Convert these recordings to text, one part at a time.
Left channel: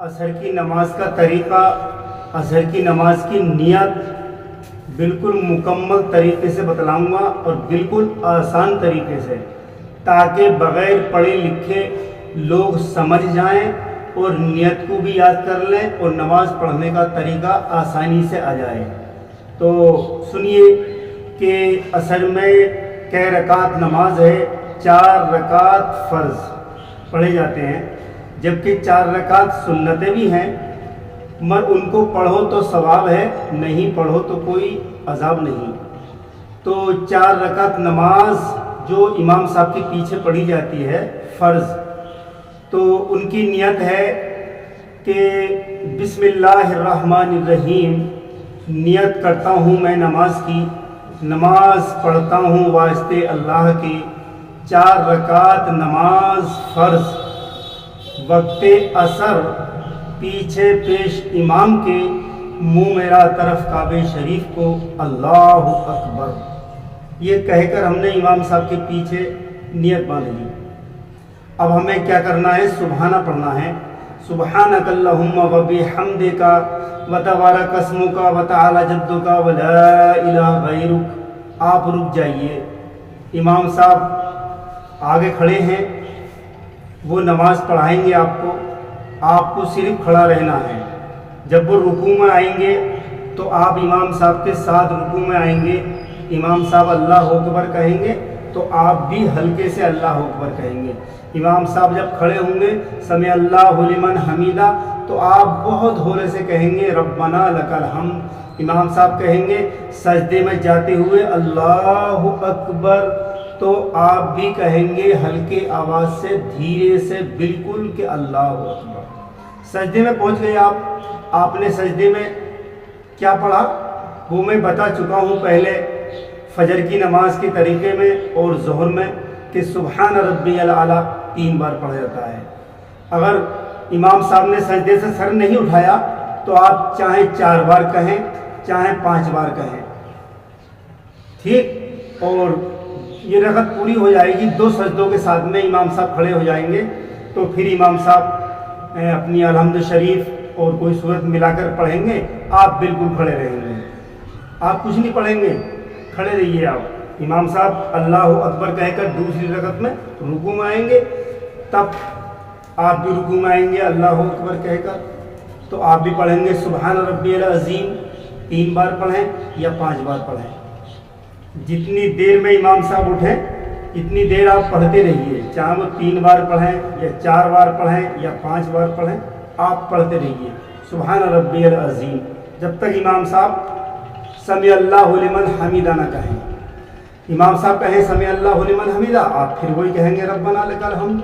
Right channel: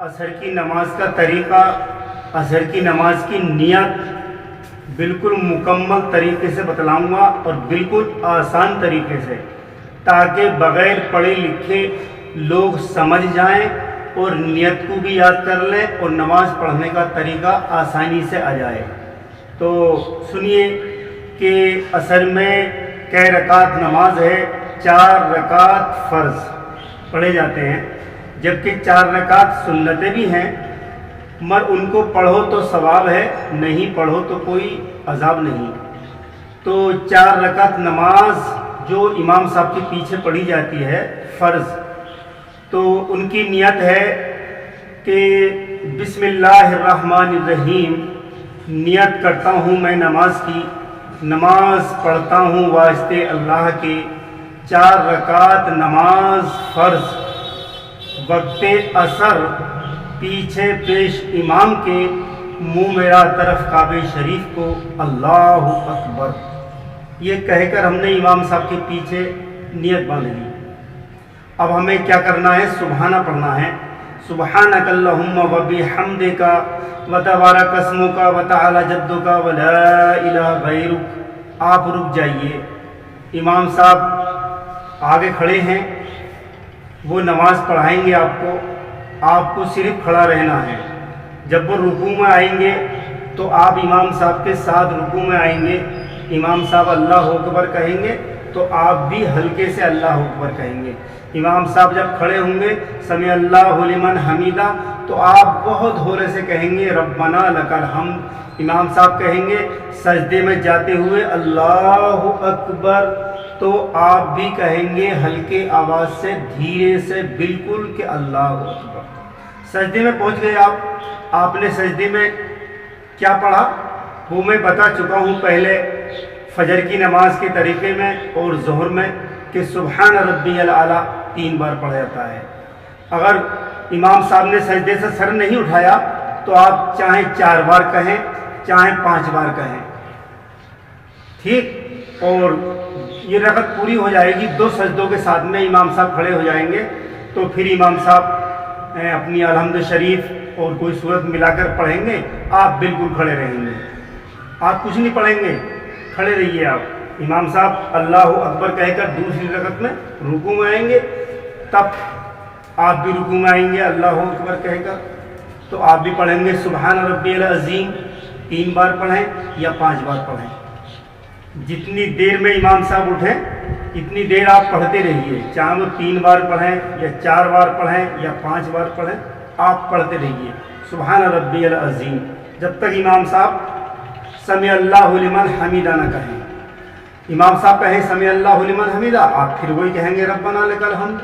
عصر کی نماز کا طریقہ، عصر کی نماز کی نیت بالکل مکمل طریقے سے بتلاؤں گا اور بالکل آسان طریقے سے، تاکہ بغیر پڑھے لکھے لوگ سمجھ جائیں اور نیت کو بھی یاد کر لیں اور نماز پڑھنے کا طریقہ آسانی سے آ جائے۔ تو سنیے کہ عصر میں کئی رکعت نماز ہے، 4 رکعت فرض پڑھے جاتے ہیں، جبکہ 4 رکعت سنتیں بھی ہیں، مگر ان کو پڑھو تو ثواب ہے، نہیں پڑھو تو کوئی عذاب نہیں۔ تو 4 رکعت نماز جو امام صاحب کے پیچھے پڑھی جاتی ہے فرض، تو ان کی نیت ہے کہ بسم اللہ الرحمن الرحیم نیت کرتا ہوں میں نماز کی، نماز پڑھتا ہوں واسطے اللہ کے، 4 رکعت نماز فرض وقت عصر پیچھے پیش امام کے، منہ میرا طرف کعبہ شریف کو، اللہ اکبر یہ کہہ کر ہم نے امام صاحب کے پیچھے نیت باندھ لی۔ اب ہمیں کیا کرنا ہے؟ سبحانہ پڑھنا ہے، سبحانک اللہم و بحمدک و تبارک اسمک و تعالی جدک و لا الہ غیرک۔ آپ رک جائیے، امام صاحب آگے کھڑے ہیں، وہ نماز پڑھائیں گے آپ کو صرف کھڑا رہنا ہے۔ جب وہ رکوع میں آئیں گے تو آپ امام صاحب کے ساتھ رکوع میں آئیں گے، امام صاحب اللہ اکبر کہیں گے تو آپ بھی ہلکے سے اللہ اکبر کہیں گے۔ امام صاحب جب کھڑے ہوں گے سمع اللہ لمن حمیدہ تو آپ بہت ہولے سے کہیں گے ربنا لک الحمد۔ امام صاحب کہیں گے سجدے میں جاتے ہوئے اللہ اکبر تو آپ بھی کہیں گے ہلکے آواز سے، دھیرے سے بالکل کہ اللہ اکبر۔ سجدے میں پہنچ گئے آپ نے سجدے میں کیا پڑھا وہ میں بتا چکا ہوں پہلے فجر کی نماز کے طریقے میں اور ظہر میں، کہ سبحان ربی الاعلیٰ 3 بار پڑھا جاتا ہے۔ اگر امام صاحب نے سجدے سے سر نہیں اٹھایا تو آپ چاہے 4 بار کہیں چاہے 5 بار کہیں، ٹھیک؟ اور یہ رکعت پوری ہو جائے گی 2 سجدوں کے ساتھ میں، امام صاحب کھڑے ہو جائیں گے تو پھر امام صاحب اپنی الحمد شریف اور کوئی صورت ملا کر پڑھیں گے، آپ بالکل کھڑے رہیں گے، آپ کچھ نہیں پڑھیں گے، کھڑے رہیے آپ۔ امام صاحب اللہ اکبر کہہ کر دوسری رکعت میں رکوع میں آئیں گے، تب آپ بھی رکوع میں آئیں گے اللہ اکبر کہہ کر، تو آپ بھی پڑھیں گے سبحان ربی العظیم 3 بار پڑھیں یا 5 بار پڑھیں، جتنی دیر میں امام صاحب اٹھیں اتنی دیر آپ پڑھتے رہیے، چاہے وہ 3 بار پڑھیں یا 4 بار پڑھیں یا 5 بار پڑھیں، آپ پڑھتے رہیے سبحان ربی العظیم جب تک امام صاحب سمع اللہ لمن حمیدہ نہ کہیں۔ امام صاحب کہیں سمع اللہ لمن حمیدہ، آپ پھر وہی کہیں گے ربنا لک الحمد۔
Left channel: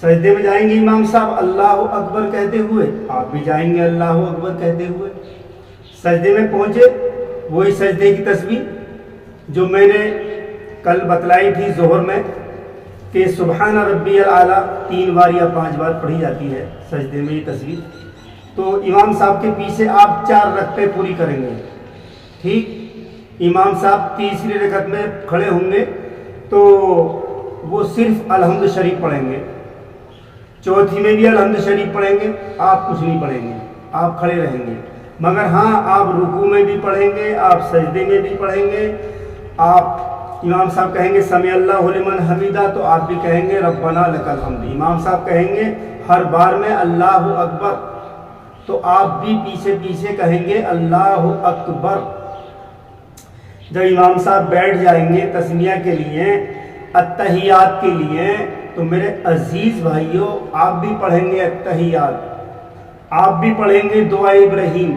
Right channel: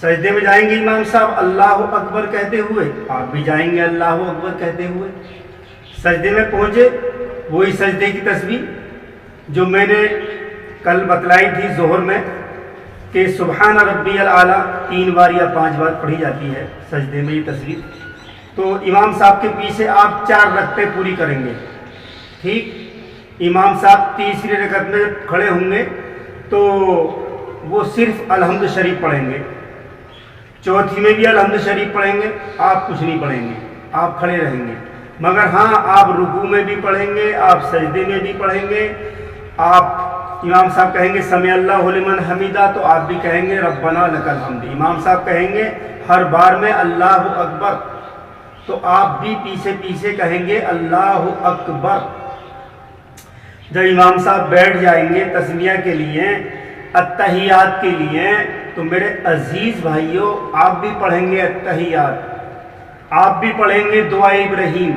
سجدے میں جائیں گے امام صاحب اللہ اکبر کہتے ہوئے، آپ بھی جائیں گے اللہ اکبر کہتے ہوئے۔ سجدے میں پہنچے، وہی سجدے کی تسبیح جو میں نے کل بتلائی تھی ظہر میں، کہ سبحان ربی الاعلیٰ 3 بار یا 5 بار پڑھی جاتی ہے سجدے میں یہ تسبیح، تو امام صاحب کے پیچھے آپ 4 رکعتیں پوری کریں گے، ٹھیک؟ امام صاحب تیسری رکعت میں کھڑے ہوں گے تو وہ صرف الحمد شریف پڑھیں گے، چوتھی میں بھی الحمد شریف پڑھیں گے، آپ کچھ نہیں پڑھیں گے، آپ کھڑے رہیں گے، مگر ہاں آپ رکوع میں بھی پڑھیں گے، آپ سجدے میں بھی پڑھیں گے، آپ امام صاحب کہیں گے سمع اللہ لمن حمیدہ تو آپ بھی کہیں گے ربنا لک الحمد۔ امام صاحب کہیں گے ہر بار میں اللہ اکبر تو آپ بھی پیچھے کہیں گے اللہ اکبر۔ جب امام صاحب بیٹھ جائیں گے تسمیہ کے لیے، التحیات کے لیے، تو میرے عزیز بھائیوں آپ بھی پڑھیں گے التحیات، آپ بھی پڑھیں گے دعا ابراہیم،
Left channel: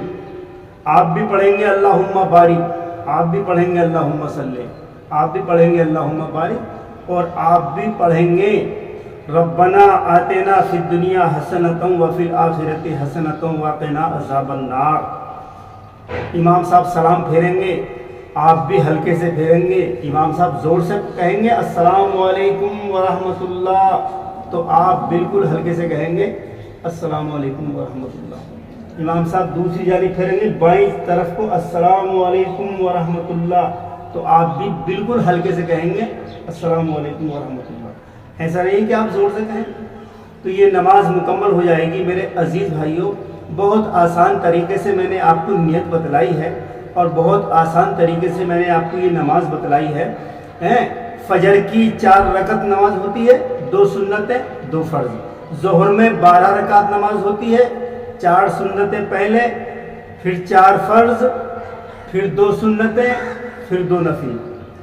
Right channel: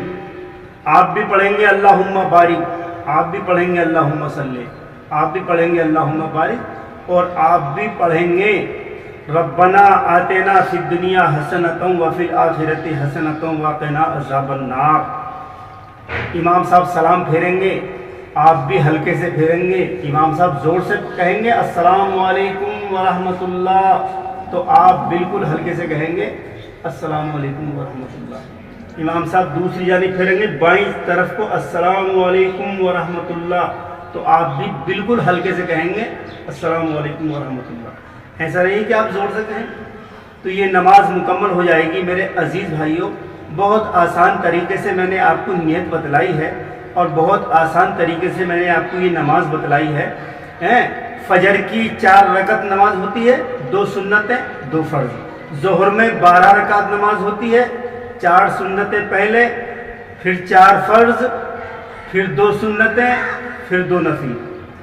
آپ بھی پڑھیں گے اللہم بارک، آپ بھی پڑھیں گے اللہم صلی، آپ بھی پڑھیں گے اللہم بارک، اور آپ بھی پڑھیں گے ربنا آتنا فی الدنیا حسنۃ وفی الآخرۃ حسنۃ وقنا عذاب النار۔ امام صاحب سلام پھیریں گے، آپ بھی ہلکے سے پھیریں گے، امام صاحب زور سے کہیں گے السلام علیکم ورحمۃ اللہ تو آپ بالکل ہلکے سے کہیں گے السلام علیکم ورحمۃ اللہ۔ امام صاحب دوسری جانب پھیریں گے بائیں طرف کو السلام علیکم ورحمۃ اللہ تو آپ بھی بالکل ہلکے سے کہیں گے السلام علیکم ورحمۃ اللہ۔ ایسا نہیں کہ آپ زور سے کہیں، تو یہ نماز مکمل ہو جائے گی میرے عزیز بھائیوں۔ بہت آسان طریقے سے میں نے آپ کو نیت بتلائی ہے اور بہت آسان طریقے سے میں نے آپ کو یہ نماز بتلائی ہے۔ فجر کی 4 رکعت نماز ہوتی ہے، 2 سنتیں 2 فرض۔ ظہر میں 12 رکعت نماز ہوتی ہے، 4 سنتیں پہلے، پھر 4 فرض، پھر 2 سنتیں، پھر 2 نفل۔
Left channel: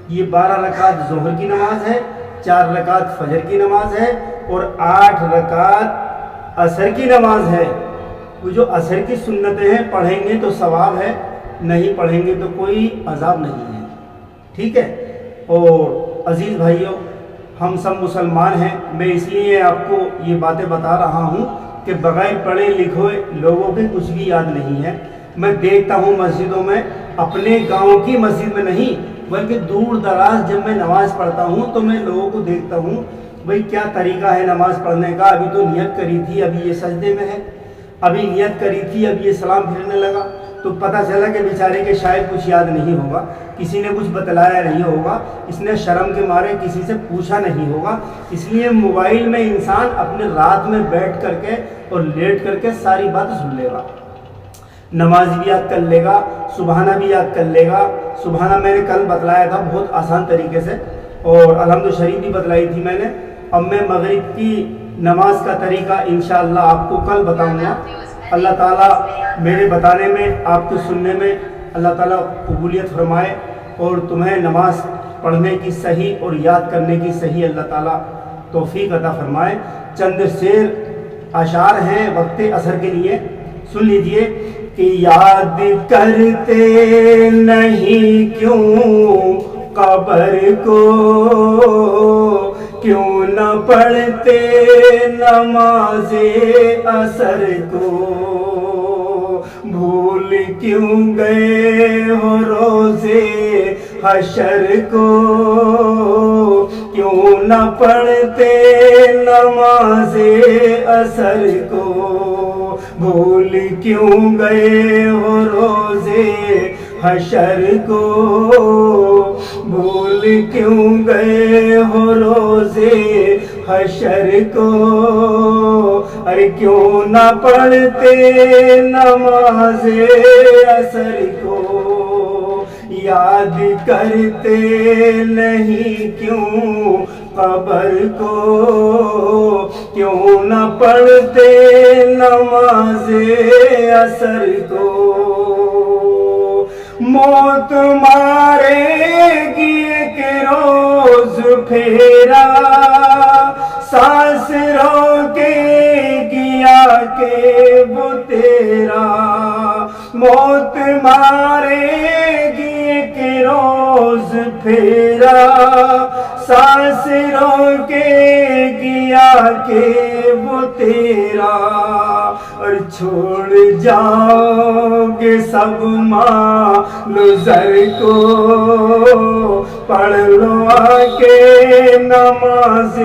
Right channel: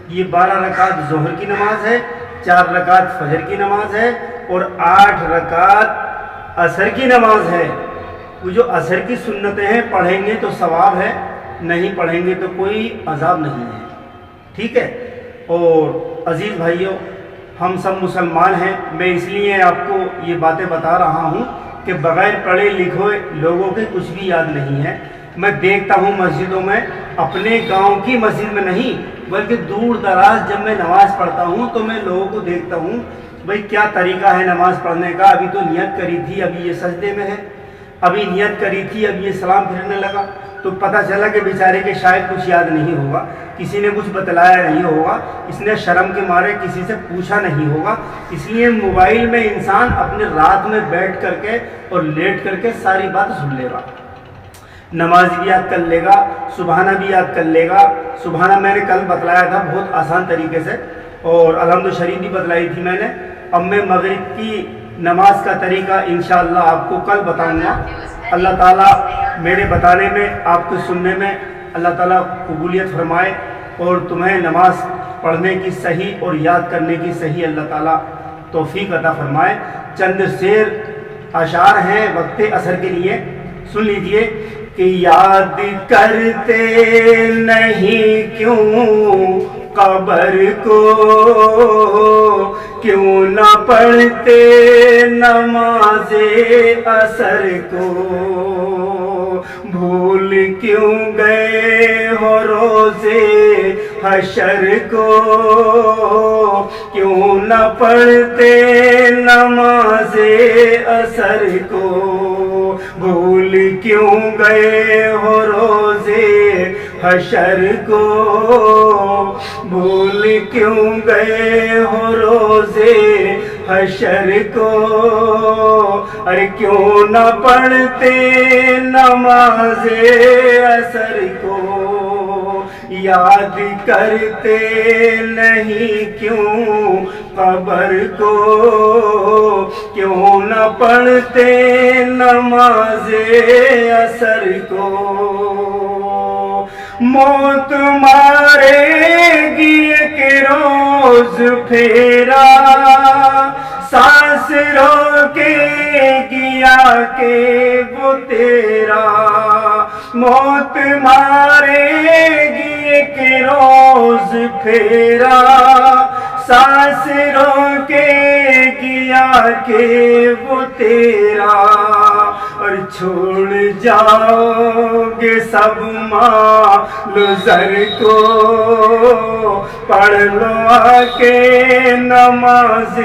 یہ 12 رکعت ظہر کی نماز ہے، 4 رکعت فجر کی نماز ہے اور 8 رکعت عصر کی نماز ہے۔ وہ جو عصر کی سنتیں ہیں پڑھیں گے تو ثواب ہے، نہیں پڑھیں گے تو کوئی عذاب نہیں ہے، ٹھیک ہے۔ اور عزیز بھائیوں، ہم سب مسلمان ہیں، میں اس لیے آپ کو یہ باتیں بتا رہا ہوں کہ بغیر پڑھے لکھے لوگوں کے کچھ بھی یاد نہیں ہے۔ میں دیکھتا ہوں مسجدوں میں، اپنے گاؤں کی مسجد میں نہیں بلکہ دور دراز جب میں نماز پڑھتا ہوں تو میں لوگوں کو دیکھتا ہوں، بھئی کیا طریقہ ہے نماز پڑھنے کا، ابھی تو نیت کری تھی ابھی یہ سجدے میں ہے، ابھی نیت کری تھی اب یہ سلام پھرنے لگا۔ تو پتہ چلا کہ بیچارے کے شاید کچھ یاد نہیں ہوگا، کسی نے کچھ بتلایا نہیں ہوگا، اس نے شرم کے مارے کسی سے پوچھا نہیں ہوگا۔ اس لیے موبائل میں انسان اپنے رات میں بیٹھ کر کے اور لیٹ کر کے ساری بات سن لے گا، نماز بھی یاد کر لے گا، سبحانہ بھی یاد کر لے گا۔ سبحانہ میں نے کل بتلایا تھا بہت آسان طریقے سے، اور الحمد شریف بھی بتلائی تھی میں نے۔ اب میں مغرب کی نماز کا طریقہ انشاءاللہ آپ کو کل بتاؤں گا۔ اللہ تعالیٰ میرے بتانے میں، آپ کے سننے میں اللہ تعالیٰ قبولیت فرمائے اور تمہیں نماز پڑھنے کی صحیح اور یاد کرنے کی صحیح اللہ تعالیٰ توفیق عطا فرمائے۔ چند شعر اشعار ہیں وقت عصر کے لیے، سن لیجئے کہ یاد کرتے نہیں کیوں قبر کو، کیوں نہ پڑھتے نماز عصر کو، بھول کیوں گئے ہو روزے حشر کو، کیوں نہ پڑھتے نماز عصر کو، بھول کیوں گئے ہو روزے حشر کو، بھول کیوں گئے ہو روزے حشر کو، ارے کیوں نہ پڑھتے نماز عصر کو، یاد کرتے نہیں کیوں قبر کو، کیوں نہ پڑھتے نماز عصر کو، موت مارے گی ایک روز پھیرا، سانس روکے گیا کہ وہ تیرا، موت مارے گی ایک روز پھیرا، سانس روکے گیا کہ وہ تیرا، اور چھوڑ جاؤ گے سب مال و زر کو، پڑھ لو آ کے نماز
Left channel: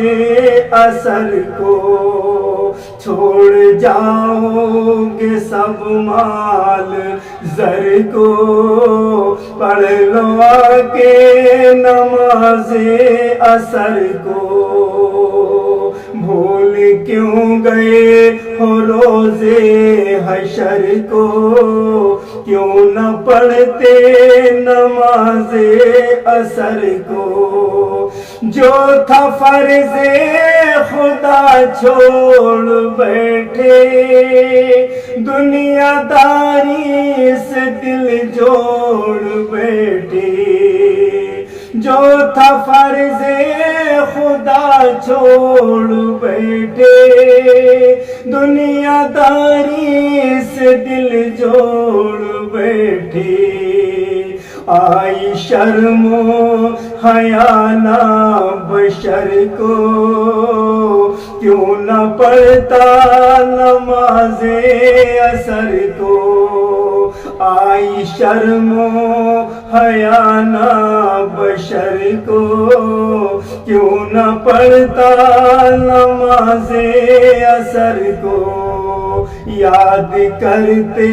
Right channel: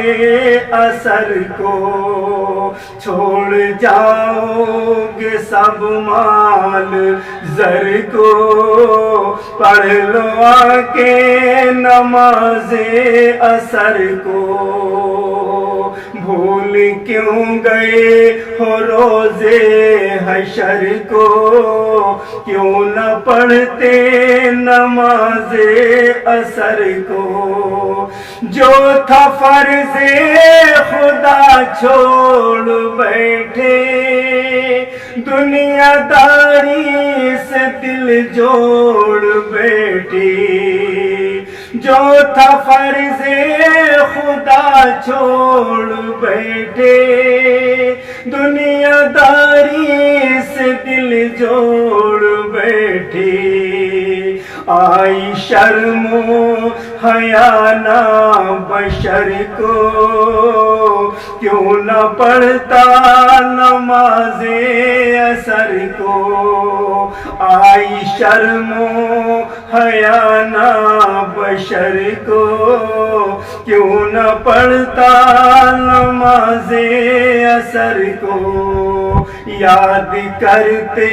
عصر کو، چھوڑ جاؤ گے سب مال زر کو، پڑھ لو آ کے نماز عصر کو، بھول کیوں گئے ہو روزے حشر کو، کیوں نہ پڑھتے نماز عصر کو، جو تھا فرض خدا چھوڑ بیٹھے، دنیا داری سے دل جوڑ بیٹھے، جو تھا فرض خدا چھوڑ بیٹھے، دنیا داری سے دل جوڑ بیٹھے، آئی شرم و حیا نہ بشر کو، کیوں نہ پڑھتا نماز عصر کو، آئی شرم و حیا نہ بشر کو، کیوں نہ پڑھتا نماز عصر کو، یاد کرتے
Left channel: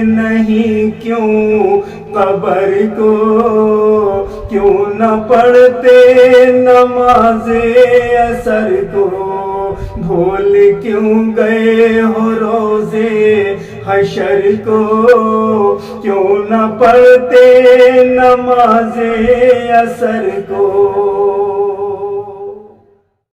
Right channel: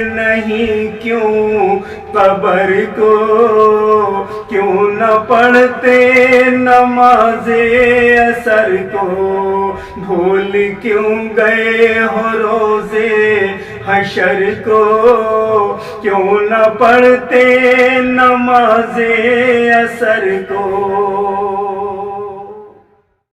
نہیں کیوں قبر کو، کیوں نہ پڑھتے نماز عصر کو، بھول کیوں گئے ہو روزے حشر کو، کیوں نہ پڑھتے نماز عصر کو۔